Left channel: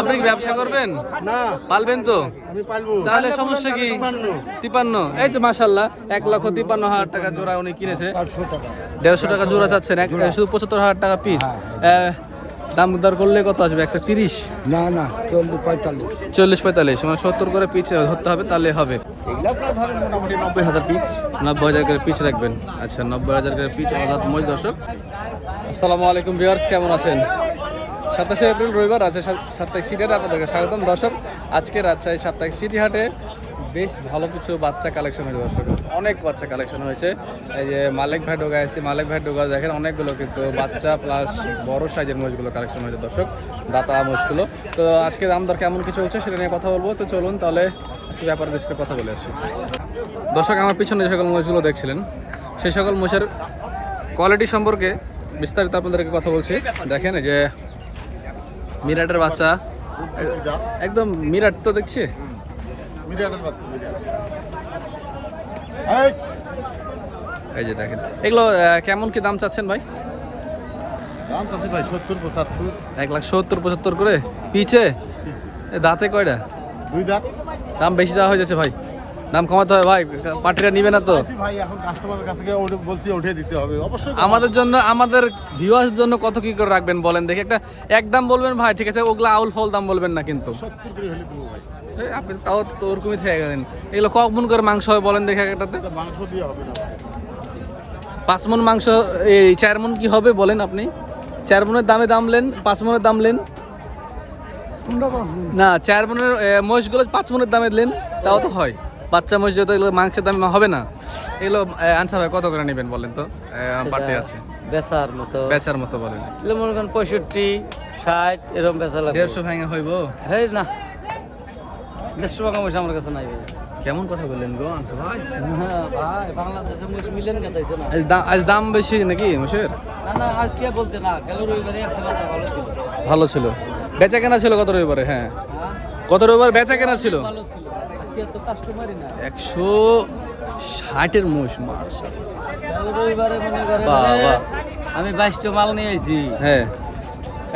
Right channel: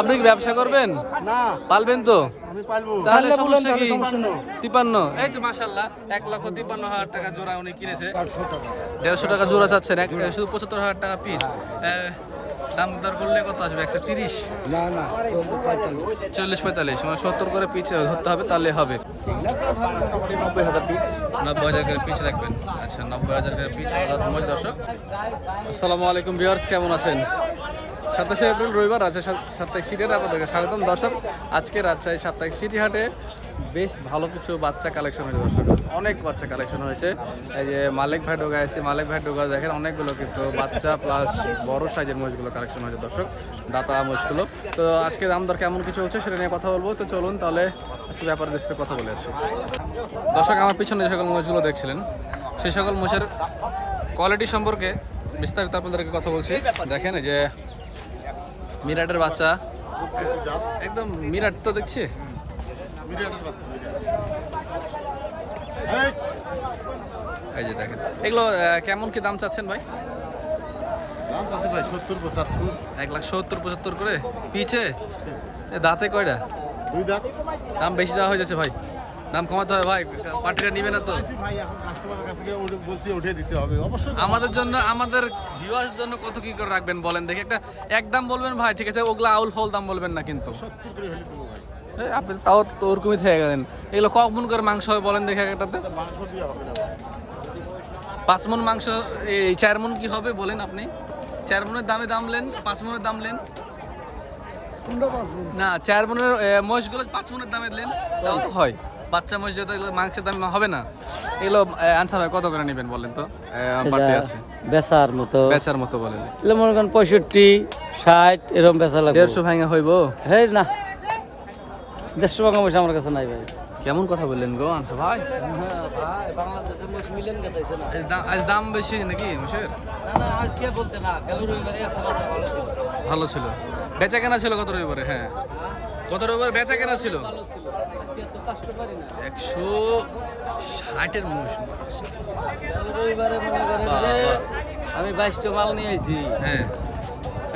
আপনি কি ব্যবসা করবেন? না। পালবেন তো? আমি পালবো। তাহলে সমস্যা কি? তিপান্ন। এই তো মাসাল্লাহ এক লক্ষ তিপান্ন হাজার টাকা জোড়া উনি কিনেছে। দেড়শো টাকা জোড়া চাচ্ছেন এক শুধু পঁচাত্তর হাজার টাকা পিস দাম দর করলে কত আসবে? একশো তিরিশ? না না চল্লিশ পঁয়তাল্লিশ। মানে সত্তর করে পিচ ধরতে হবে তাহলে হবে। নব্বই হাজার করে পিচ রাখবেন। আচ্ছা নব্বই হাজার করে পিচ অর্থাৎ মোজ দর্শক। আসসালামু আলাইকুম ভিউয়ার্স কেমন আছেন? সাতাশে এপ্রিল রবিবার আছে সাপ্তাহিক সিটি হাটে আপনাদেরকে স্বাগতম। দর্শক, আজকে রাজশাহী সাপ্তাহিক সিটি হাটে বেশ ভালো কিছু বাচ্চা কালেকশন হয়েছে, দর্শক। অনেক বাচ্চা কালেকশন হয়েছে। এই যে মালিক ভাই ডোগা এসে মালিক ভাই ডোগা দেখেন, অনেকগুলো কিন্তু বাচ্চা প্লাস বড় সাইজের মোষগুলো কালেকশন হয়েছে, দর্শক। দাতা মোষগুলো তো আজকে দাম দর কেমন কিছু হচ্ছে সেটা নিয়ে কথা বলব। তো চলুন তাহলে আজকে ব্যাপারে দেশকে কথা বলে আসি। দর্শক, আমার পিছনে যে সকল মোষগুলো দেখছিলেন সেই সকল মোষের কোয়ালিটি সম্পর্কে বিস্তারিত আপনাদেরকে কথা বলছি। দেখেন যে মিরাটের বাচ্চা। একদম মিরাট তো দেখছি। এই যে দেখেন। এগুলো কেমন কি দাম চাচ্ছেন ভাই? দাম আছে ভাই সত্তর পঁচাত্তর এক লাখ সত্তর পঁচাত্তর করে। পিছে? দাঁতে কয়টা? দুই দাঁত। দাম বেশি যাওয়া হয়ে যাচ্ছে ভাই। দাম কমাতে হবে ভাই পার্টিরা নিবে না তো। ভাই এখন কাস্টমারের কাছে গিয়ে বলছি উঠে দিতে হবে। অবশ্যই আমাদের জন্য আমাদের ভিউয়ার্স জন্য কত কি করে রাখবেন বলেন দেখি। একটা এক দাম বলবেন ভাই ঠিক আছে ওগুলা আউল ফল দাম বলবেন না কিন্তু। সত্তর করে হলে দেবো ভাই। আপনি তাও তো ওরকমই থেকে গেলেন। এগুলো কখন করে মাংস হয় বলেন দেখে একটাতে। পাঁচ মন মাংস এই চার মন কি হবে বলেন আপনি? চার মনের দামে দাম লেন পাঁচ মনের দাম লেন না চার মনের মহিষগুলো পাঁচ মনের দামে লেন তাও তো হয়। বাচ্চা মহিষ যেহেতু এগুলো মাংসের দাম হবে না এগুলো আনসার ভাই কত করে নেবেন বলেন তো? বাড়তি আছে। বেচার মতো। বেচার মতো বলেন। এগুলো মনে করেন পঁয়ষট্টি ষাট এরকম বেচা লাগে দেড়শো ভাঙা হইব? হে না। দেড়শো টাকা পয়সা আমার কাছে নাই কেমন কথা বললেন গো আনসার ভাই? না আজ দাম- বেশি নাকি মহিষের? না না আজকে বলতে না গেল রবিবারে ভালো ছিল। ভালো ছিল। বেচা কেনা ছিল কত রবিবারে? হ্যাঁ। কত রবিবার বেচা কেনা ছিল? একশো ষাটের মোষ মাস রবিবারে মনে করেন বাবা। আমি বাইশটা মাল নিয়ে আইছি। হ্যাঁ।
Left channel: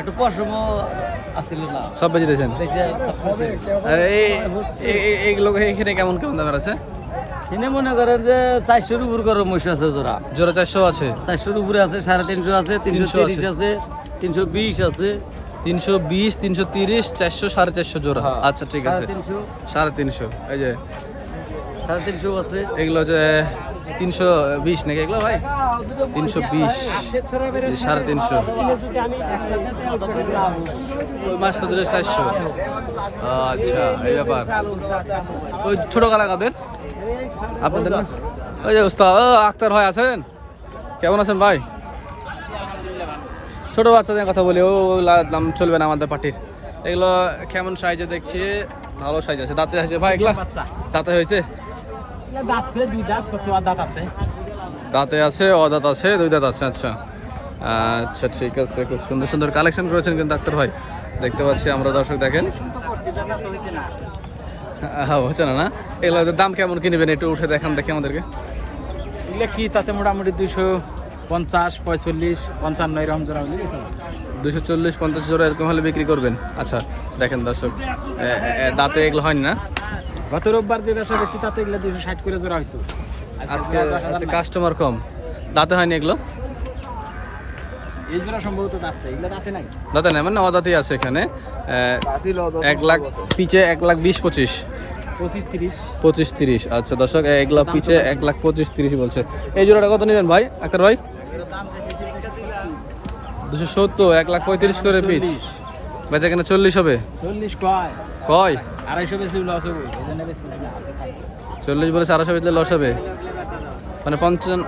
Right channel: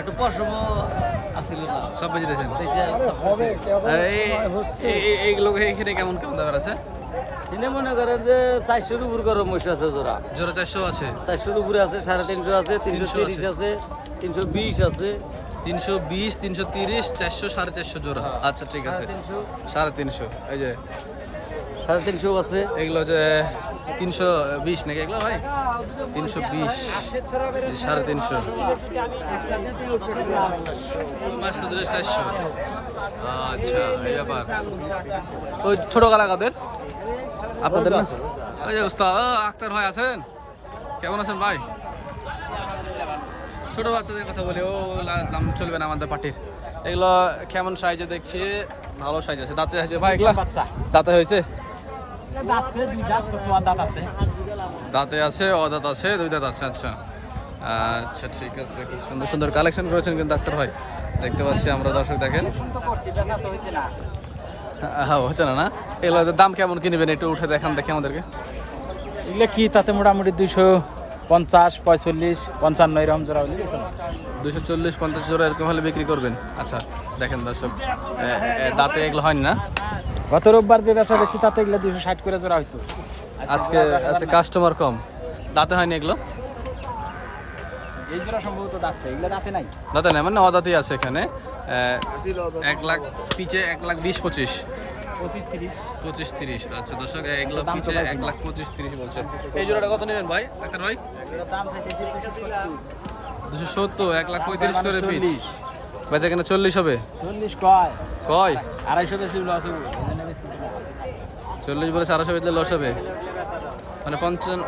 একটু পশম আসছিল না। সব বেঁচে দিয়েছেন? আর এই- এই- এই- এইগুলো এখানে কেমন কেমন দামের আছে? তিনি মনে করেন যে চারশোর উপর করে মহিষ আছে জোড়া। জোড়া চারশো আছে। চারশোর উপরে আছে সাড়ে তিনশো আছে তিনশো। আছে তিনশো বিশ আছে। তিনশো বিশ তিনশো তিরিশ চারশো সাড়ে চারশো জোড়া। আচ্ছা ঠিক আছে। সাড়ে তিনশো। এই যে। সাড়ে তিনশো আছে। এগুলো যে তিনশো বিশ নাকি এগুলো ভাই? তিনশো বিশ সাড়ে তিনশো। ওই মাছটা ধরে চারশো। আচ্ছা এই ব্যাপার। ওই ছোট কালা কাদের? আপনাদের না? ওই যে উস্তাদ আক্তার ভাই আছেন? কেমন আছেন ভাই? ছোট বাচ্চাদের কথা বলি ও দাম চলবে না আমাদের পার্টির। এগুলো কেমন সাইজে দেখছি ভালো সাইজ আছে। দাঁতে আছে ভাই এগুলা দাঁতে হয়েছে? দাঁত আছে? দাঁতে আছে অদাঁত আছে দুই দাঁত আছে আচ্ছা। আচ্ছা ঠিক আছে খুব সুন্দর সুন্দর কালেকশন করেছেন কিন্তু ডাক্তার ভাই। দেখতে পাচ্ছি আমরা দর্শক দেখেন। হ্যাঁ হচ্ছে না না? এগুলো দাম কেমন কিনবেন একটু উঠে দেখান দেখি আমাদেরকে। এগুলো কি তাতে মোটামুটি দুইশো পঞ্চাশ পঁয়তাল্লিশ পঞ্চান্ন এরকম জোড়া হলে দুশো চল্লিশ পঞ্চাশ জোড়া এরকম হলে বিক্রি করবেন? আচ্ছা দেখেন দর্শক দাঁতে এগুলো হয়নি না? গত রোববার যে ব্যবসা করছি তাতে এগুলো দুশো ষাট করে জোড়া হতো আজকে। কাস্টমার কম। দাঁতে হয়নি এগুলো? এই জোড়া সম্ভবত যাচ্ছে এগুলো দাঁতে নাই। দাঁতে নেই মানে অদাঁতেই আছে এখানে। এক লাখ পিচে এক লাখ বিশ পঁচিশ। পঁচিশ তিরিশ। আচ্ছা দর্শক এগুলো পিছে এক লাখ পঁচিশ তিরিশ বলছে। এই জোড়াটা কত নেবেন ভাই আক্তার ভাই? দুশো সত্তর এক লাখ পঁয়ত্রিশ করে পিচ। বেচা কেনা চল্লিশ হবে? চল্লিশ কয়? কয়? আড়াইশো বেশি লস হব। চল্লিশ বলে চারশো বেচলে লস হবে। মানে পঞ্চান্ন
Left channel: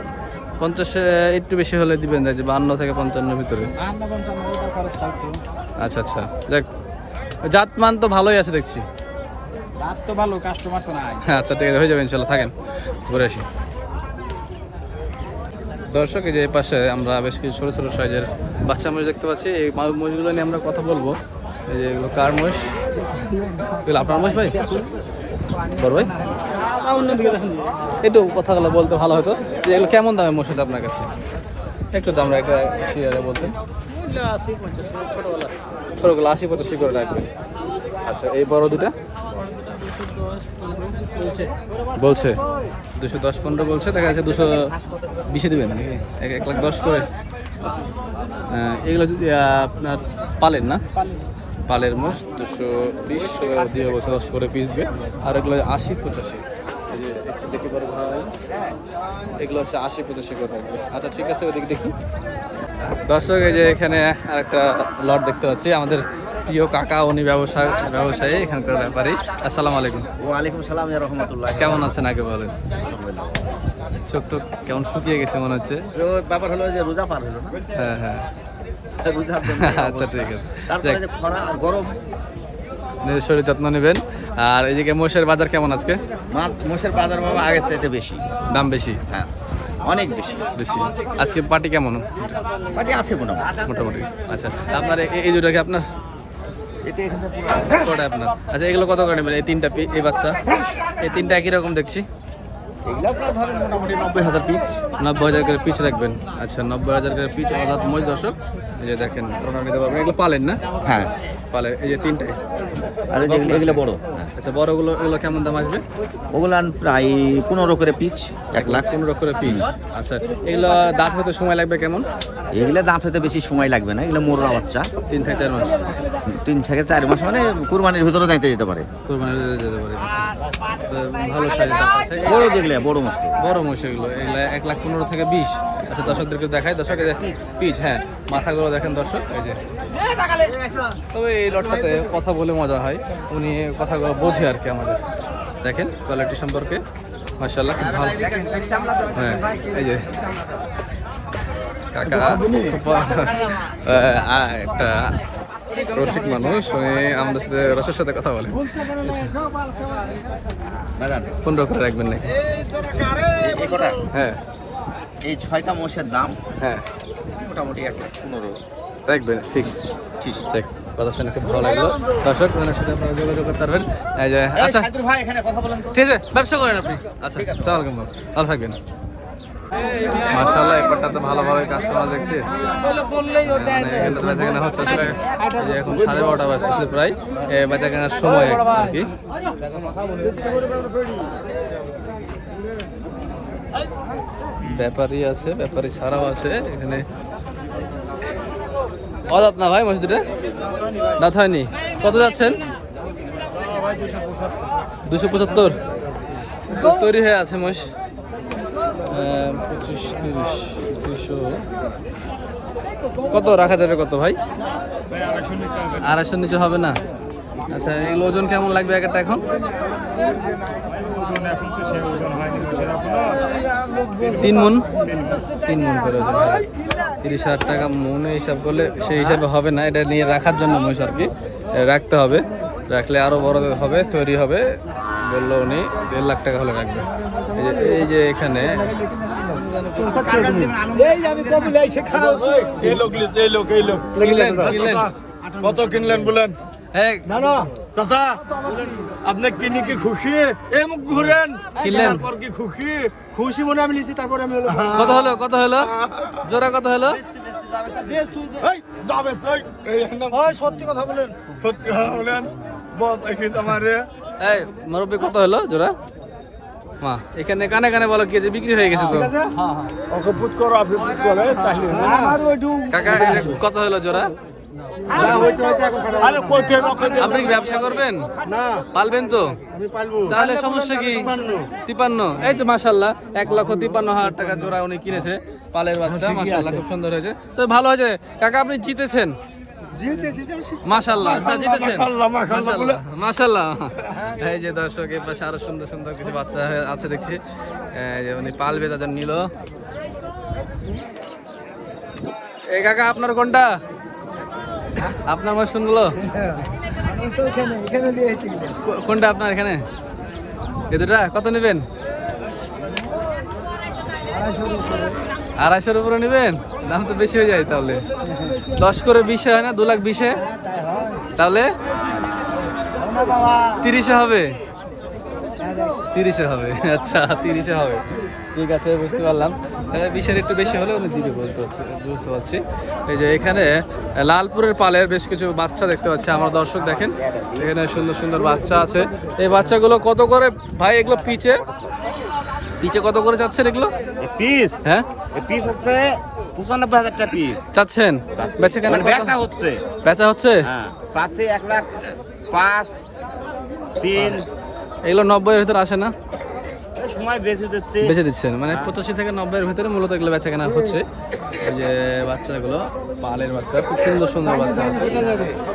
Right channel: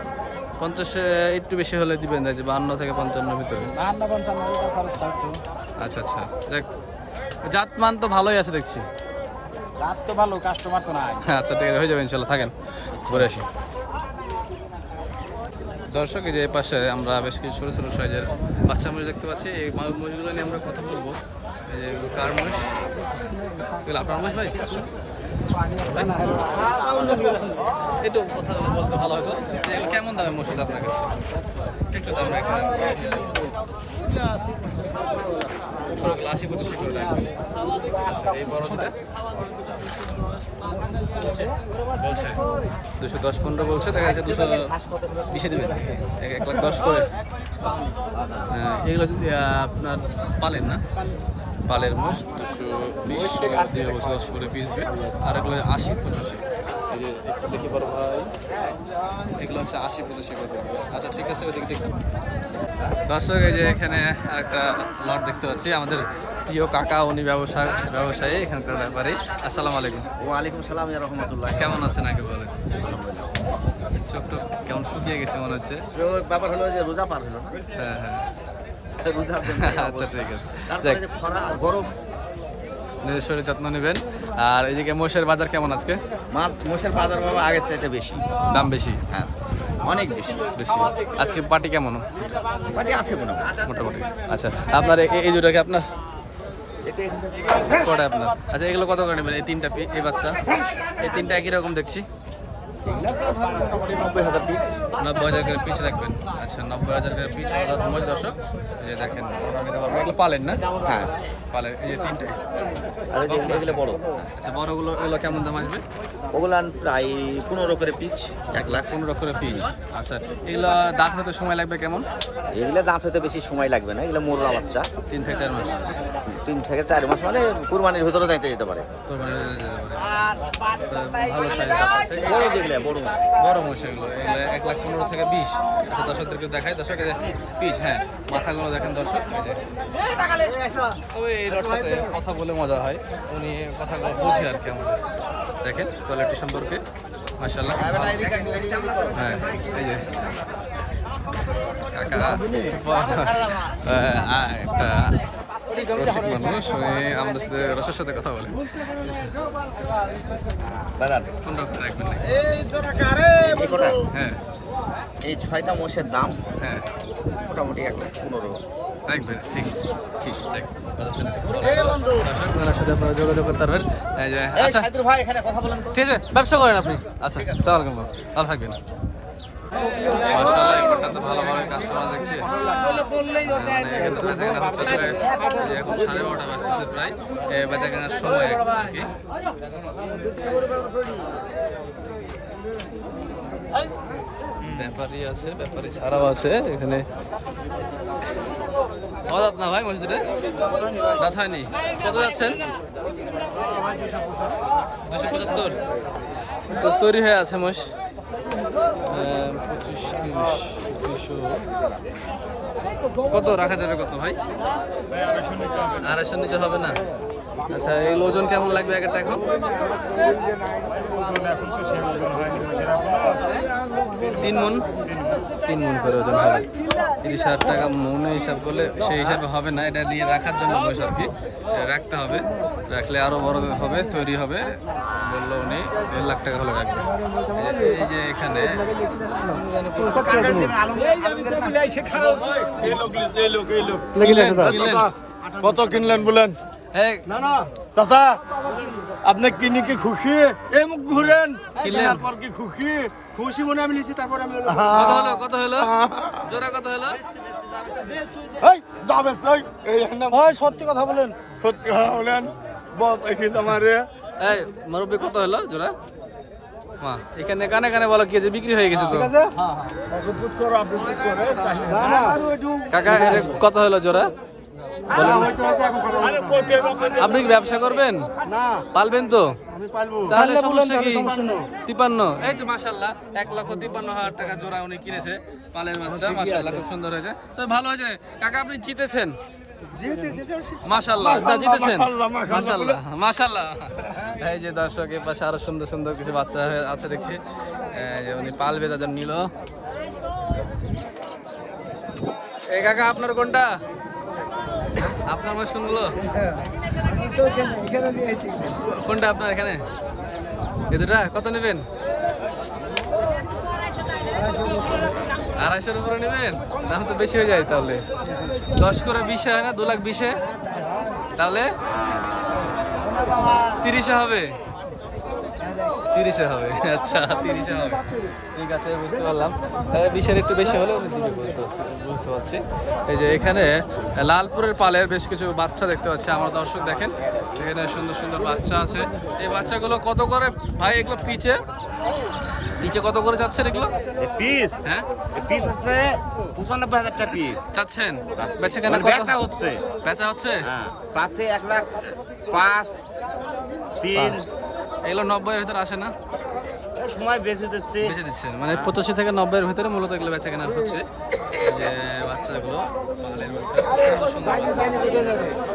পঞ্চাশ একটু বেশি হলে দিবেন যে বান্ন থেকে পঞ্চান্নের ভিতরে। আচ্ছা আচ্ছা। দেখ জাত মান তো ভালোই আছে দেখছি। দাঁত তো ভালো কাস্টমার তো নাই। আচ্ছা ঠিক আছে হয়ে যাবে ইনশাল্লাহ থাকেন। ঘুরে আসি। দর্শক, এই যে পাশে আমরা বেশ কিছু ছোটো ছোটো সাইজের বাচ্চা মহিষ দেখতে পাচ্ছি। এই মহিষগুলো নিয়ে আমরা কথা বলব। এই যে এগুলো কার মহিষ? এগুলো আপনার মহিষ ভাই? বড় ভাই? একটু কথাগুলো বলতে ভালো হতো। যে এগুলো কেমন দামে মহিষ আছে আপনার কাছে? একটু দাম একটা বলতে। ছোটগুলো আশি পঁচাশি করে রাখবেন। আচ্ছা এই বড় দুটা? বলছে। দুশো দশ পনেরো বলছে, দেখা যাচ্ছে দুশো বিশে দেবেন এক লাখ দশ করে। এগুলো যদি আপনার পালেন না? পালের মোষ দুশো বিশ দিয়ে বলছে দশ করে পিস দিবে। আর এগুলো আশি পঁচাশি। যে একটু দেখি এগুলো হচ্ছে আশি পঁচাশি আচ্ছা ঠিক আছে, ওদিকে দেখি। দর্শক, এই যে এখানে আরেকটা লট দেখতে পাচ্ছি। আমাদের প্রিয় কাকা উনি ব্যবসা ব্যবসায়ী এখানকার ব্যাপারী। আসসালামু আলাইকুম। ওয়ালাইকুম সালাম রহমতুল্লাহ। কেমন আছেন আগে বলেন? চোখ টোক কেমন শুকিয়ে গেছে মনে হচ্ছে? ব্যাপার হলো যে রোজা পার হলো না? হ্যাঁ হ্যাঁ। আচ্ছা, ঠিক আছে। তারপরে যে খরা আর গরম। নিজের শরীর যত্ন নেবেন। আর এদিকে মোষের বাজার কেমন আজকে? মোষের বাজার বাবা আগের চাইতে বেশি। দাম বেশি? হ্যাঁ অনেক বেশি। বেশি। আজকে পার্টি কেমন? আছে মোটামুটি। মোটামুটি। আচ্ছা। আপনার এ- এই দুটো কি আপনার? কটা আপনার? আচ্ছা এগুলো কত করে নেবেন? এই তিনটা এই বাচ্চা? এই তিনটা একই রকম দেখছি? নব্বই হাজার করে পিচ রাখবেন। আচ্ছা নব্বই হাজার করে পিচ অর্থাৎ মজ দর্শক। এই যে দেখেন নিতে পারবেন এগুলো পালেন না? হ্যাঁ। পালে এই যে তিনটাই? আছে। বড়। আচ্ছা বড়গুলো এগুলো কেমন দাম আসবে? ওগুলো প্রায় পনেরো করে পিচ এক লাখ। পনেরো করে পিচ। আচ্ছা এগুলো দাঁত হতে সময় লাগবে কেমন? এগুলো দাঁত হতে বেশি সময় লাগবে না এগুলো মোড়া বাচ্চা। তিন থেকে চার মাস। তিন থেকে চার মাস মানে কুরবানির ভিতরে যাইতে যেতে পারে। কোরবানির ভিতরে যেতে পারে আচ্ছা। ভালো সাইজের দাঁত আছে। বড় মাছ বড় মহিষ এগুলো এগুলো এক লাখ পনেরো থেকে বিশ। আচ্ছা দর্শকদেরকে দেখাই। দর্শক এই যে পিচ হ্যাঁ মাথাগুলো দেখেন দর্শক এই যে। তবে এই লটটাতে কথা বলে মজা হয়। উনি কথাগুলো বোঝে আর কি আমাদের। দেখেন কোয়ালিটি সম্পর্কে। মার্শাল্লাহ খুব ভালো। হ্যাঁ এই যে। কাকা একটা রসিক মানুষ উনি আমাদের সাথে রসের সাথে কথা বলে আচ্ছা পনেরো করে রাখবেন নাকি? হ্যাঁ। এই ছয়টা মোষের দাম হ্যাঁ। মোটামুটি এক লাখ পনেরো। রাখবেন ঠিক। ঠিক। ঠিক। কথা শুনে খুব ভালো লাগল। দর্শক ওনার সাথে আপনারা যোগাযোগ করতে পারবেন। আচ্ছা। ভাই এখানে কথা বলেন ঠিক আছে ব্যবসা করেন আপনি। আচ্ছা সালাম ভালো ভালো থাকবেন। মার্শাল্লাহ এবারটাতে ভালো ভালো কাস্টমার দেখছি। মানে এখানে তো বেচা কেনা হচ্ছে আসলে যে এখন সাড়ে বারোটা বাজতেছে প্রায় এ, বেচা কেনার সময় আর কি ব্যাপারী আছে ব্যাপারী ছাড়াও আছে এখানে। অদাত না ভাই মসজিদে? দাঁত হয়নি। কত যাচ্ছেন? দুশো পঁচাত্তর। তৈরি হয়ে আছে আহ, পঁচিশ, তিরিশ দুশো কত রাখা যাবে কত ভাই? আড়াইশোর নিচে হবে না? আচ্ছা এই ওজন কেমন লাগবে এক একটা এখন? তিন মন? তিন মন করে ওজন হবে। তিরিশ হাজার টাকা মনে হিসাব করলে সেই হিসাবে হবে না। এটা নিয়ে রাখার জন্য মহিষ আর কি। রাখতে হবে। রাখলে আরও বড় হবে, তৈরি হবে। বলল উনি দেড় লাখ টাকা হলে রাখবে এই যে এই যে এখানে কত কিনলেন বলেন হ্যাঁ আপনি কি খুশি মুখ ঘুরেন কি খুশি খুশি মনে আমি সত্যি কথা বলেন সত্যি বলেন আমারে এই মুরব্বী কত হলো জোড়া মা এখানে কানে কানে বলো কি যে বিক্রি হয়ে গেছে তো হ্যাঁ হ্যাঁ কাকা কত হলো জোড়া আপনি কি ব্যবসা করবেন না পালবেন তো তাহলে সমস্যা কি তিপান্ন এই তো মাসাল্লাহ এক লক্ষ তিপান্ন হাজার টাকা জোড়া উনি কিনেছে পালের বাচ্চা মাসাল্লাহ খুব সুন্দর হয়েছে তো ভালো হয়েছে কাকা আপনি জিতেছেন মাশাল্লাহ না জিতেছেন? মাশাল্লাহ মাশাল্লাহ এই যে দর্শক পাশে আরও সুন্দর সুন্দর কিছু বাচ্চা আছে দেখছি। উনি পালবে তাদের নিল। এই কাকা আপনার কোনটা? আপনার কো- কোনটা আপনার এখানে? এই দুটা কত নেবেন? আড়াইশোর উপরে নেবেন? দাম তো বেশি হয়ে যায় তাহলে। দশ করে বিশে হয় না? দু লাখ বিশে? তাহলে? তিরিশে হবে? তিরিশে হবে। আচ্ছা তিরিশে হবে। ঠিক আছে, বুঝতে পারলাম। বিষের একটু বেশি হলে উনি দিবে বলতে বুঝতে পারছি। এই যে এখানে লালপুরের পালের বেশ কিছু বাচ্চা দেখতে পাচ্ছি। আমার দর্শক দেখেন, এখানে সুন্দর সুন্দর বাচ্চা আছে। এই বাচ্চাগুলো কত করে? ভাই, এগুলো পিচে? পিচে কত করে চাচ্ছেন এগুলো? পিস। হ্যাঁ? পিস হচ্ছে পঁচানব্বই হাজার টাকা পিস। চাচ্ছেন? বেচে কেনা মানে বেচা হচ্ছে। বেচা হচ্ছে? হ্যাঁ চাচ্ছে এক লাখ পাঁচ তিন। এগুলো নব্বইয়ের ভিতরে আসে না? সময় বেশি দিচ্ছে। বেচে দিচ্ছেন। মানে হ্যাঁ। পঁচাশি থেকে ভিতরে মূলত এগুলো বেচা কেনা হচ্ছে। এই যে বাচ্চাগুলো পালের বাচ্চা খুব সুন্দর সুন্দর বাচ্চা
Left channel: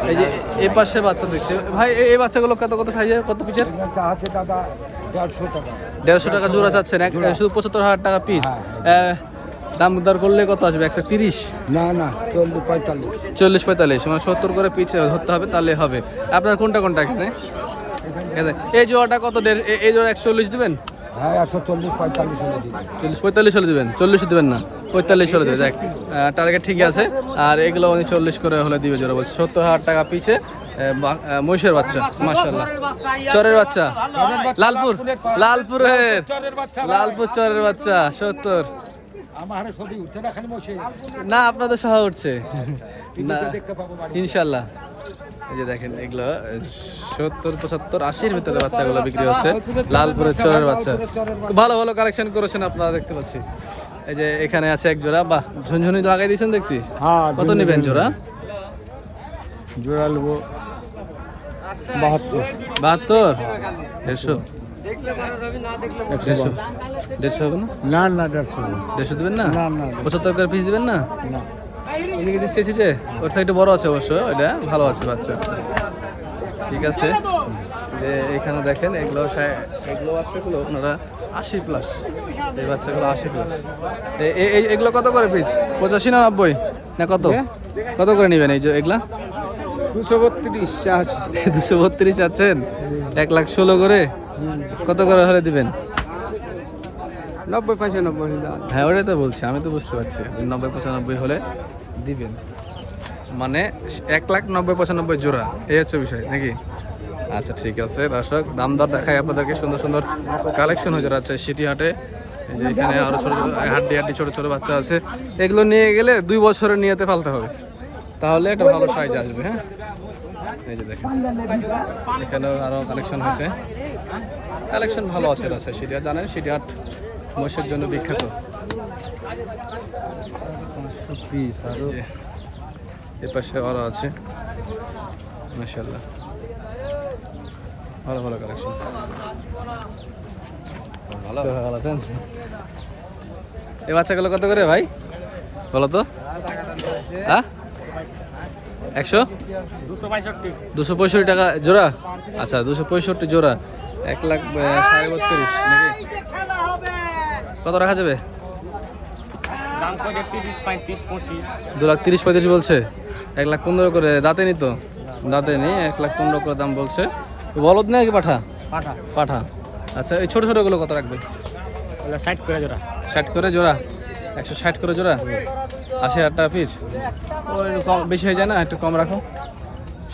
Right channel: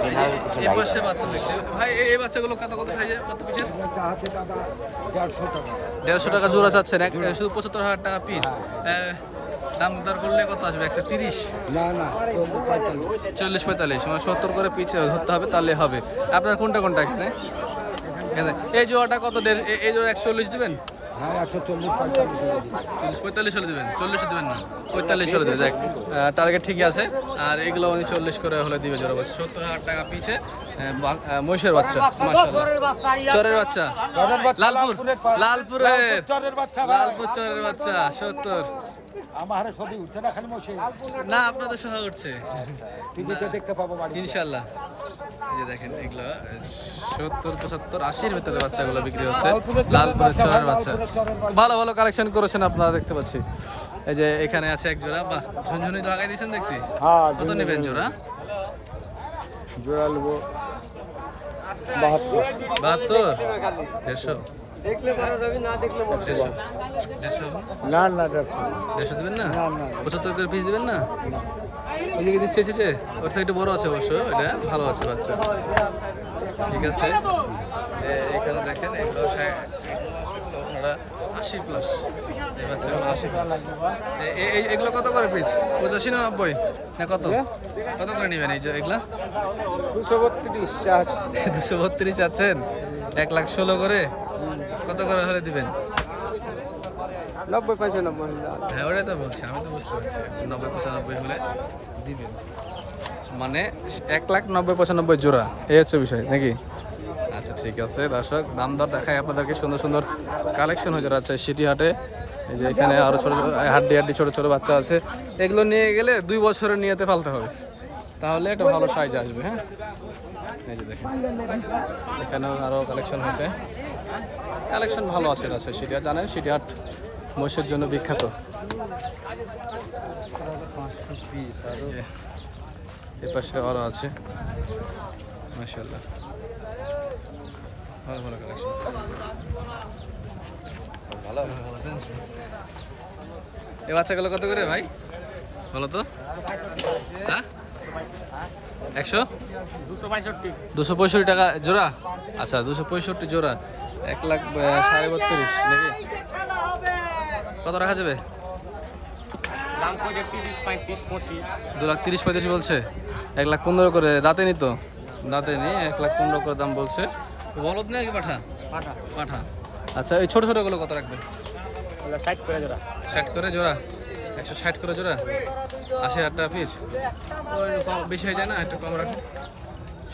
এই যে এ পাশে বাচ্চা দেখছি। ভাই এই- বাচ্চাগুলো কত কত সাইজের কত দাদা দেড়শো টাকা। জোড়া চাচ্ছেন এক শুধু পঁচাত্তর হাজার টাকা পিস দাম দর করলে কত আসবে? একশো তিরিশ? না না চল্লিশ পঁয়তাল্লিশ। মানে সত্তর করে পিচ ধরতে হবে তাহলে হবে। আপনার কোনটা কোনটা এখানে। এই জোড়াটা কত দেড় এই জোড়া একশো চল্লিশ দিবেন? হ্যাঁ চল্লিশ পঁয়তাল্লিশ হলে চল্লিশ পঁয়তাল্লিশ হলে দেবেন। চল্লিশ দেবেন না পঁয়তাল্লিশ হলে দেবে দেখ টার্গেট ঠিকই আছে। আর এগুলো উনি চল্লিশ করে হলে দিবে জোড়া বলছে। সত্তর হাজার টাকা পিছে মহিষের বাচ্চা মাশাল্লাহ চরের বাচ্চা। লালপুর লালপুরের। লালপুর চরের বাচ্চা সত্তর। না আপনাদের সহ উঠছে। না ইনশাল্লাহ এই যে দেখেন এগুলো সত্তর পঁচাত্তর আশির ভিতরে বাচ্চাগুলো বিক্রি হচ্ছে। লালপুরের চরের বাচ্চা। ভালো ভালো কালেকশন করেছেন আপনারা দেখতে পাচ্ছি। এই যে এখানে আছে এক জোড়া। বাহ ঝুনঝুনি লাগাই দিয়েছেন দেখছি। কত নেবেন জোড়া? বাহাত্তর? দেড়শো। দেড়শো। দেড়শো হবে না? দেড়শো দেবেন না? পঁচাত্তর করে পিস দিবেন না? ওইদিকে দিচ্ছে এসেছে ওর থেকে একটু বড় আছে অবশ্য ওইটা ভালো আছে বাচ্চা। ঠিক আছে। যে এখানে দেখেন এগুলো এগুলো বাচ্চাগুলো আপনারা আশি প্লাস এই বাচ্চাগুলো আশি প্লাস এগুলো কত করে পিস পঁচাশি না নব্বই? না কত? কত করে নেবেন এই যে এগুলা? দুশো বত্রিশ আছেন এক লাখ ষোলো করে? কত করে হলে দিবেন? হ্যাঁ ওটাই তো বলছি আমি তো বুঝতে পারছি। নব্বই পঁচানব্বই হলে দিবেন। মানে এক লাখ নব্বই পঁচানব্বই জোড়া এই হচ্ছে বিষয় নাকি? আচ্ছা ঠিক আছে দর্শক দাম দর দেখাই আপনাদেরকে সুন্দর সুন্দর কালেকশন হয়ে যাচ্ছে সিটি হাটে যে এখানে আরও ছোটো ছোট হাড্ডি হাড্ডি ছোটো ছোটো বাচ্চা আছে। এগুলো নিয়ে গেলে দুই বছরের নিয়েতে ফালতে হবে। তাহলে একটা ভালো সাইজ আসবে হ্যাঁ? এই যে দেখেন, এখানেও আরও কালেকশন হয়েছে। কালেকশন ভালো আছে আছে সিটি হাট জানেন? সিটি হাট মহিষের জন্য বিখ্যাত। এ পাশে আরও আছে। মাশাল্লাহ ভালো ভালো কালেকশন এই বাচ্চাগুলো কত করে ভাই? বলো তো। হ্যাঁ? একশো? দুশো পঁয়ষট্টি। টাকা জোড়া? আচ্ছা দুশো পঁয়ষট্টি জোড়া। এক লাখ সাড়ে বত্রিশ নাকি? কত রাখা যাবে? দু লাখ তিরিশ পঁয়ত্রিশ বলছে। এক লাখ পনেরো করে দাঁতে নি তো? দাঁতে নি এক লাখ পনেরো করে দাম বলছে। বলদ না কি পাঠা? পাঠা। আচ্ছা এই ছোটো ছোটোগুলো কত রাখবে? ষাট করে জোড়া? একশো ষাট করে জোড়া? আশি হাজার টাকা পিস ওই একটু কম বেশি হয়ে যায় না? একটু কম রাখো।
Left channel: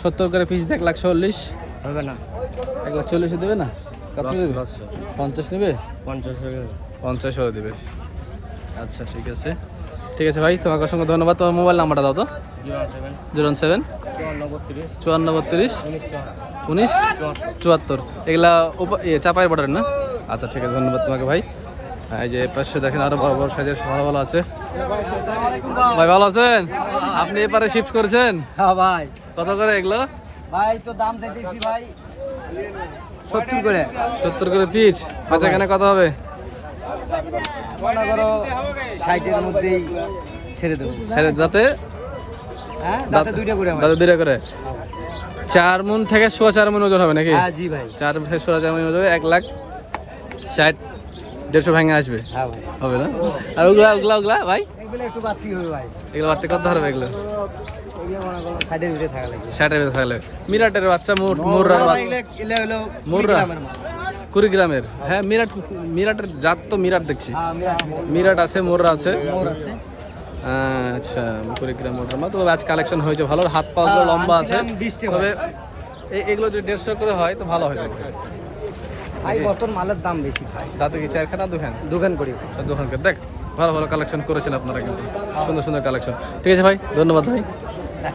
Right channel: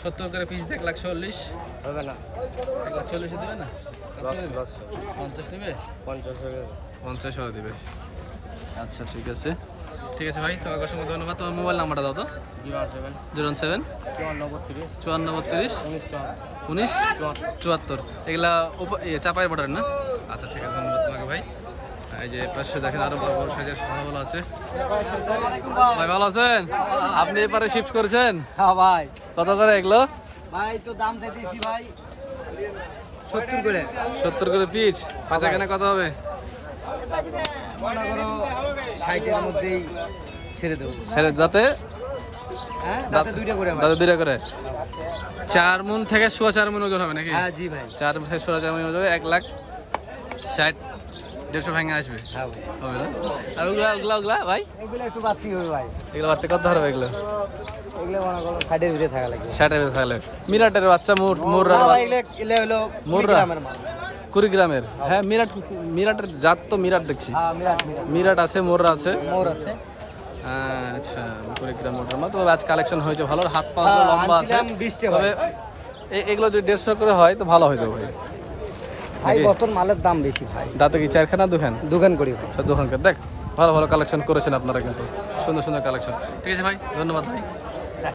সত্তর করে পিস এক লাখ চল্লিশ। এক লাখ চল্লিশে দেবে না? কত দেবে? পঞ্চাশ নেবে? পঞ্চাশ পঞ্চাশ দেবে। আচ্ছা ঠিক আছে। ঠিক আছে ভাই তোমাকে অসংখ্য ধন্যবাদ। তোমার মোবাইল নাম্বারটা দাও তো। Zero seven. সেভেন। চুয়ান্ন বত্রিশ। উনিশ চুয়াত্তর। এগুলা ইয়ে চাপাইয়ের বর্ডার না? আচ্ছা ঠিক আছে। ধন্যবাদ তোমাকে ভাই। হ্যাঁ, এই যে পাশে দেখেন আরও বড় বড় সাইজের ভালো ভালো আছে। ভাই ভালো আছেন? আপনি এপারে শিফট করেছেন? হ্যাঁ ভাই। কত করে এগুলো? ভাই তো দাম চাইতেছি ভাই সত্তর করে। সত্তর করে পিচ। বেচা কেনা কত হবে? মনে করো ষাটের মধ্যেই ছেড়ে দেবো। ছেড়ে দাঁতে? হ্যাঁ দাঁতে দুইটা করে? চার মন থেকে সোয়া চার মন ওজন হবে নাকি? হ্যাঁ জি ভাই। চার থেকে সোয়া চার মন ওজন হবে, এক লাখ ষাট দেড়শো ভেঙে আসবে? হ্যাঁ হবে না? আর ওগুলা ওগুলা ওগুলা ভাই? এগুলো একটু বাড়তি হবে ভাই। এগুলো বাড়তে কত হবে এগুলো? ষাটের ভিতরে থাকলে মিরাটের বাচ্চা মুররার মুররা? কুড়িগ্রামের হ্যাঁ মিরাট মিরাটের জাত তো মিরাট দেখছি। হ্যাঁ মিরাট আছে মোররা আছে। আচ্ছা কুড়িগ্রাম মোটর তবে আজ কালেকশন হয়েছে ভালো। হাত পা গুলো লম্বা আছে। আনছিলাম 20 তবে এগুলো যদি দেড়শো করে হয় তো ভালো হয়ে যাবে। ভাই? মালের দাম বেশি ভাই। দাঁতে কি চারখানা দোকান করি ভাই। দেখ ভালো ভালো কালেকশন করেছেন আপনারা কিন্তু। সুন্দর সুন্দর কালেকশন ঠিক আছে ভাই ধন্যবাদ ভাই।